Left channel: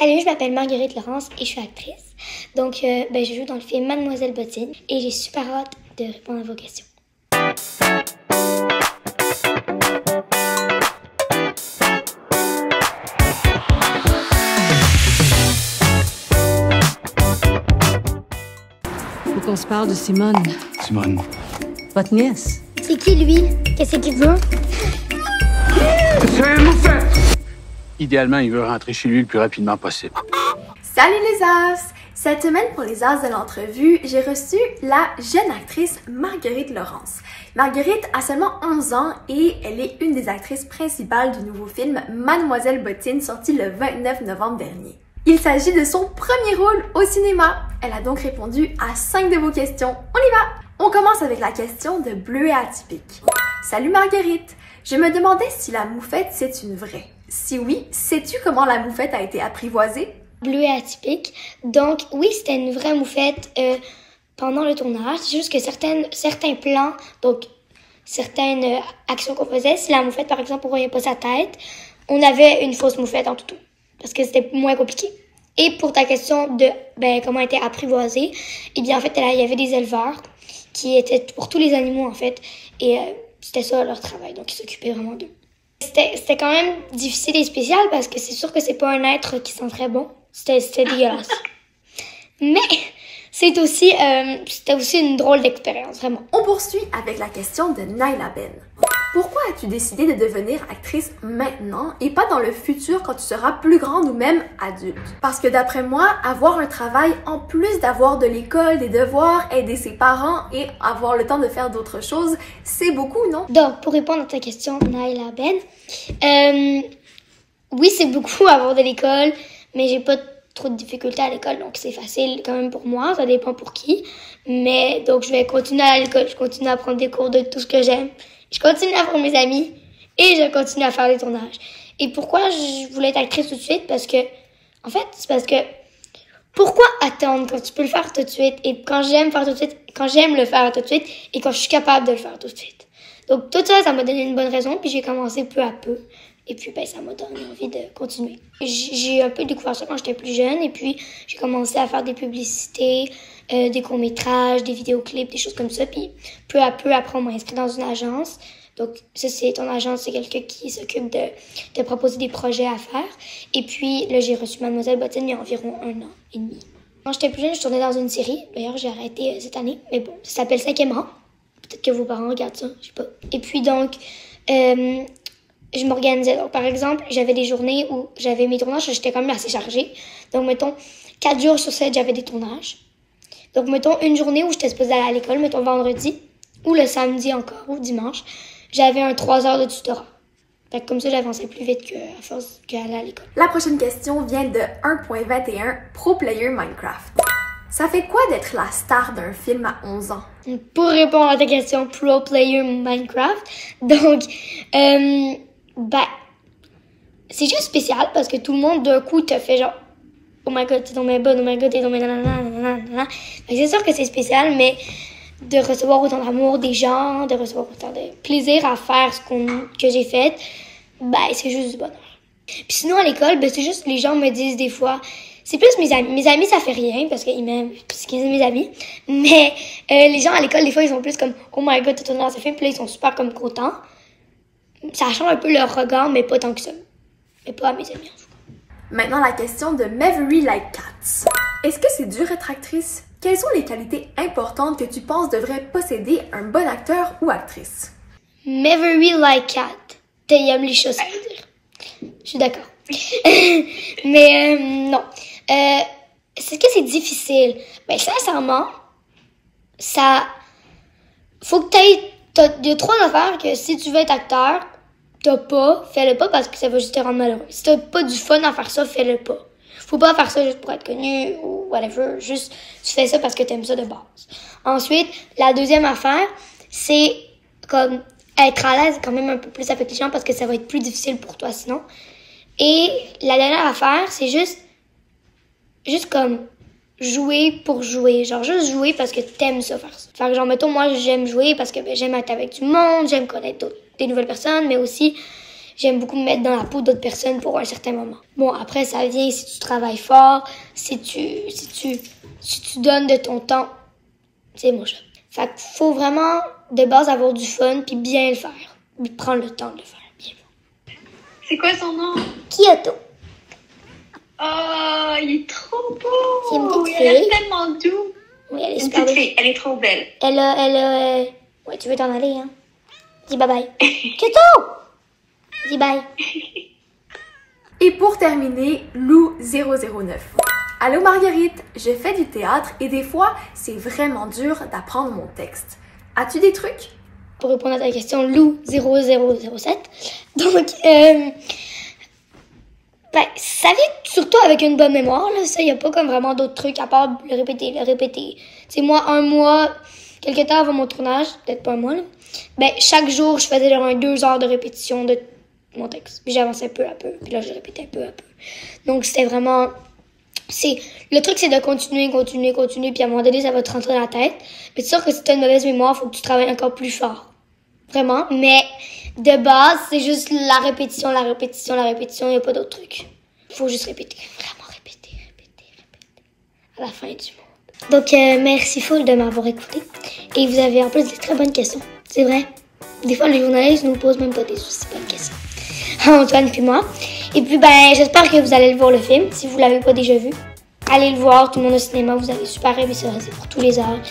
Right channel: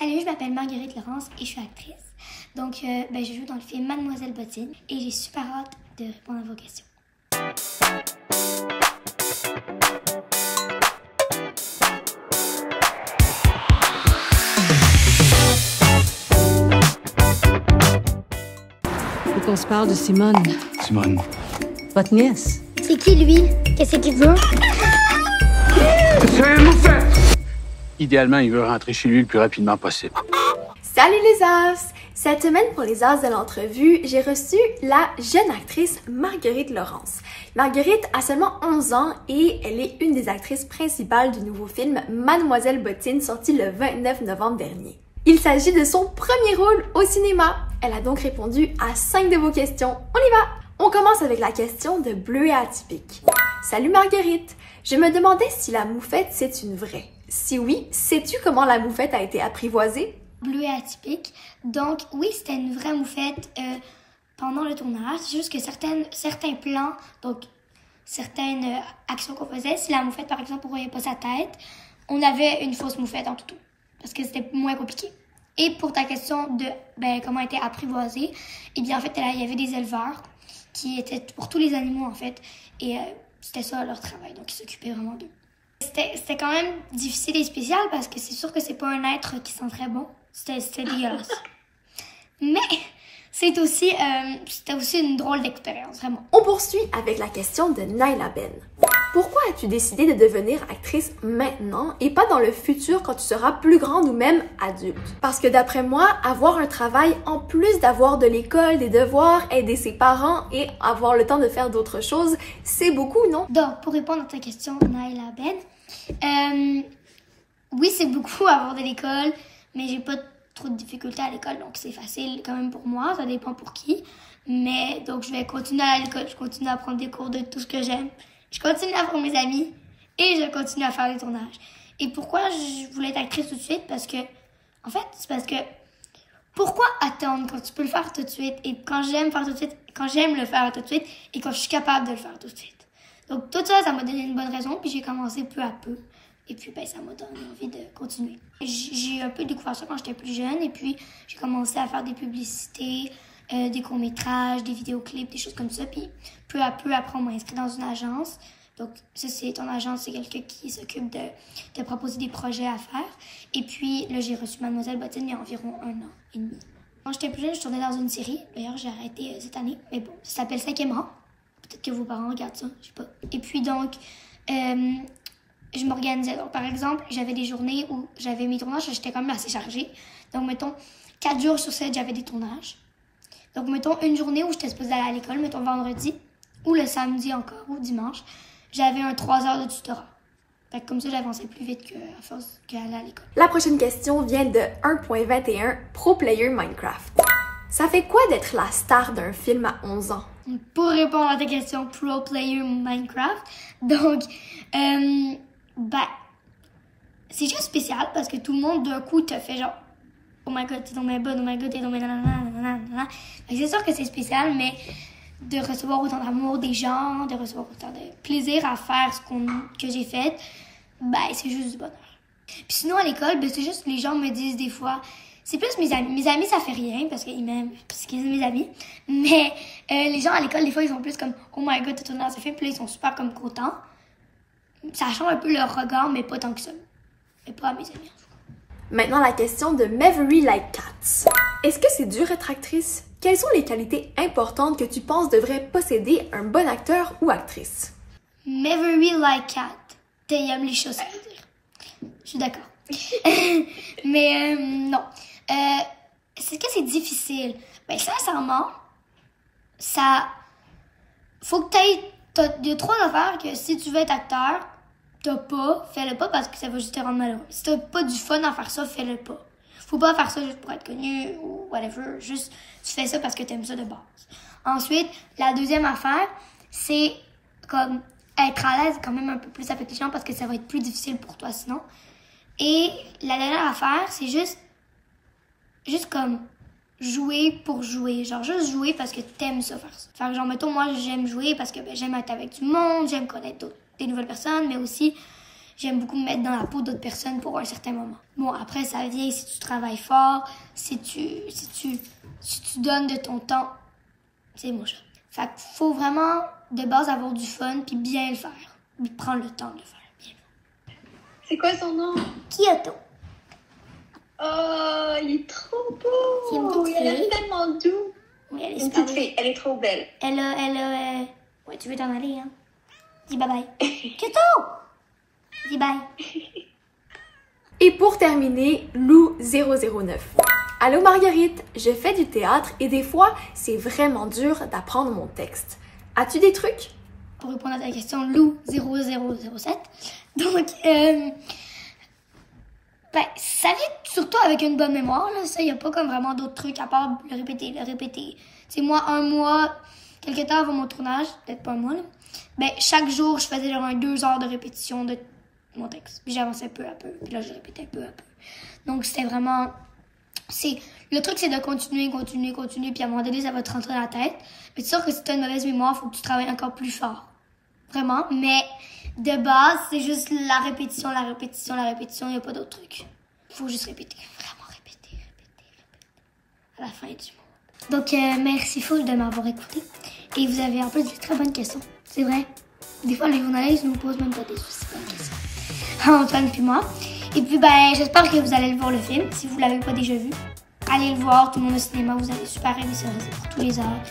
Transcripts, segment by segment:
Salut, je m'appelle Marguerite Laurence et je suis actrice. Donc, je joue dans le film Mademoiselle Bottine et j'ai super hâte de répondre à vos questions. Faut qu'on se parle de Simone. Simone. Votre nièce. C'est qui lui? Qu'est-ce qu'il veut? C'est un moufette! Idéalement, il veut rentrer chez lui le plus rapidement possible. Salut les As! Cette semaine, pour les As de l'entrevue, j'ai reçu la jeune actrice Marguerite Laurence. Marguerite a seulement 11 ans et elle est une des actrices principales du nouveau film Mademoiselle Bottine, sorti le 29 novembre dernier. Il s'agit de son premier rôle au cinéma. Elle a donc répondu à 5 de vos questions. On y va! On commence avec la question de Bleuet atypique. Salut Marguerite! Je me demandais si la moufette, c'est une vraie. Si oui, sais-tu comment la moufette a été apprivoisée? Bleuet atypique. Donc, oui, c'était une vraie moufette pendant le tournage. C'est juste que certains plans, donc certaines actions qu'on faisait, si la moufette, par exemple, on voyait pas sa tête, on avait une fausse moufette en toutou. Parce que c'était moins compliqué. Et pour ta question de comment elle était apprivoisée, eh bien, en fait, il y avait des éleveurs qui étaient pour tous les animaux, en fait. Et c'était ça leur travail. Donc, ils s'occupaient vraiment d'eux. C'était quand même difficile et spécial parce que c'est sûr que c'est pas un être qui sent très bon. C'était dégueulasse. Mais c'était aussi une drôle d'expérience, vraiment. On poursuit avec la question de Naila Ben. Pourquoi as-tu décidé de devenir actrice maintenant et pas dans le futur quand tu seras plus grande ou même adulte? Parce que d'après moi, avoir un travail en plus d'avoir de l'école, des devoirs, aider ses parents et avoir le temps de faire d'autres choses, c'est beaucoup, non? Donc, pour répondre à ta question, Naila Ben, oui, c'est beaucoup avoir de l'école, mais j'ai pas trop de difficultés à l'école, donc c'est facile quand même pour moi, ça dépend pour qui. Mais donc, je vais continuer à l'école, je continue à prendre des cours de tout ce que j'aime. Je continue à voir mes amis et je continue à faire des tournages. Et pourquoi je voulais être actrice tout de suite? Parce que, en fait, c'est parce que pourquoi attendre quand tu peux le faire tout de suite? Et quand j'aime faire tout de suite, quand j'aime le faire tout de suite et quand je suis capable de le faire tout de suite. Donc tout ça, ça m'a donné une bonne raison. Puis j'ai commencé peu à peu. Et puis ça m'a donné envie de continuer. J'ai un peu découvert ça quand j'étais plus jeune. Et puis j'ai commencé à faire des publicités, des courts-métrages, des vidéoclips, des choses comme ça. Puis peu à peu, après, on m'a inscrit dans une agence. Donc ça, c'est ton agence, c'est quelqu'un qui s'occupe de proposer des projets à faire. Et puis là, j'ai reçu Mademoiselle Bottine il y a environ 1 an et demi. Quand j'étais plus jeune, je tournais dans une série. D'ailleurs, j'ai arrêté cette année. Mais bon, ça s'appelle 5e rang. Peut-être que vos parents regardent ça, je sais pas. Et puis donc, je m'organisais. Donc, par exemple, j'avais des journées où j'avais mes tournages, j'étais quand même assez chargée. Donc, mettons, 4 jours sur 7, j'avais des tournages. Donc, mettons, une journée où j'étais supposée aller à l'école, mettons vendredi, ou le samedi encore, ou dimanche, j'avais un 3 heures de tutorat. Fait que comme ça, j'avançais plus vite qu'à force qu'aller à l'école. La prochaine question vient de 1.21 Pro Player Minecraft. Ça fait quoi d'être la star d'un film à 11 ans? Pour répondre à ta question, Pro Player Minecraft, donc, c'est juste spécial parce que tout le monde d'un coup te fait genre oh my god, t'es tombé bonne, oh my god, t'es tombé nanana. C'est sûr que c'est spécial, mais de recevoir autant d'amour des gens, de recevoir autant de plaisir à faire que j'ai fait, c'est juste du bonheur. Puis sinon à l'école, c'est juste les gens me disent des fois, c'est plus mes amis. Mes amis, ça fait rien parce qu'ils m'aiment, parce qu'ils aiment mes amis. Mais les gens à l'école, des fois, ils sont plus comme oh my god, t'es tourné dans ce film, puis là, ils sont super comme contents. Ça change un peu leur regard, mais pas tant que ça. Mais pas à mes amis, en tout cas. Maintenant, la question de Mavery Like Cats. Est-ce que c'est dur être actrice? Quelles sont les qualités importantes que tu penses devrait posséder un bon acteur ou actrice? Mavery Like Cat. T'aimes les choses, ça veut dire. Je suis d'accord. Mais non. C'est que c'est difficile. Sincèrement, faut que il y a 3 affaires que si tu veux être acteur, fais-le pas parce que ça va juste te rendre malheureux. Si t'as pas du fun à faire ça, fais-le pas. Faut pas faire ça juste pour être connu ou whatever. Juste, tu fais ça parce que t'aimes ça de base. Ensuite, la deuxième affaire, c'est comme être à l'aise quand même un peu plus avec les gens parce que ça va être plus difficile pour toi sinon. Et la dernière affaire, c'est juste comme jouer pour jouer. Genre juste jouer parce que t'aimes ça faire ça. Fait que genre, mettons, moi, j'aime jouer parce que j'aime être avec du monde, j'aime connaître des nouvelles personnes, mais aussi, j'aime beaucoup me mettre dans la peau d'autres personnes pour un certain moment. Bon, après, ça vient si tu travailles fort, si tu donnes de ton temps. C'est mon chat. Fait qu'il faut vraiment, de base, avoir du fun puis bien le faire. Puis prendre le temps de le faire. Bien. C'est quoi son nom? Kyoto. Oh, il est trop beau! C'est une petite Elle fille. est tellement doux! Oui, elle est Une super petite belle. fille, elle est trop belle. Ouais, tu veux t'en aller, hein? Dis bye-bye. Kyoto! Dis bye. Et pour terminer, Lou 009. Allô Marguerite, je fais du théâtre et des fois, c'est vraiment dur d'apprendre mon texte. As-tu des trucs? Pour répondre à ta question, Lou 0007. Donc, ça vient surtout avec une bonne mémoire, là. Ça, il n'y a pas comme vraiment d'autres trucs à part le répéter. C'est moi, un mois, quelques temps avant mon tournage, peut-être pas un mois, là. Ben, chaque jour, je faisais genre 2 heures de répétition de mon texte. Puis j'avançais peu à peu. Puis là, je répétais peu à peu. Donc, c'était vraiment... Le truc, c'est de continuer. Puis à un moment donné, ça va te rentrer dans la tête. Mais c'est sûr que si tu as une mauvaise mémoire, il faut que tu travailles encore plus fort. Vraiment. Mais de base, c'est juste la répétition. Il n'y a pas d'autre truc. Il faut juste répéter. Vraiment répéter. À la fin du monde. Donc, merci full de m'avoir écouté. Et vous avez en plus des très bonnes questions. C'est vrai. Des fois, les journalistes nous posent même pas des aussi bonnes questions. Antoine puis moi. Et puis, j'espère que vous allez le voir le film. Si vous l'avez pas déjà vu, allez le voir. Tout le monde au cinéma, vous allez super aimer ça. C'est pour tous les âges.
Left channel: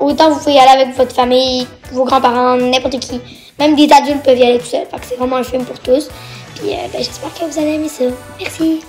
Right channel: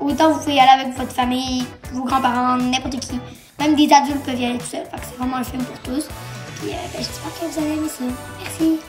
Autant vous pouvez y aller avec votre famille, vos grands-parents, n'importe qui. Même des adultes peuvent y aller tout seuls. Fait que c'est vraiment un film pour tous. Puis, j'espère que vous allez aimer ça. Merci.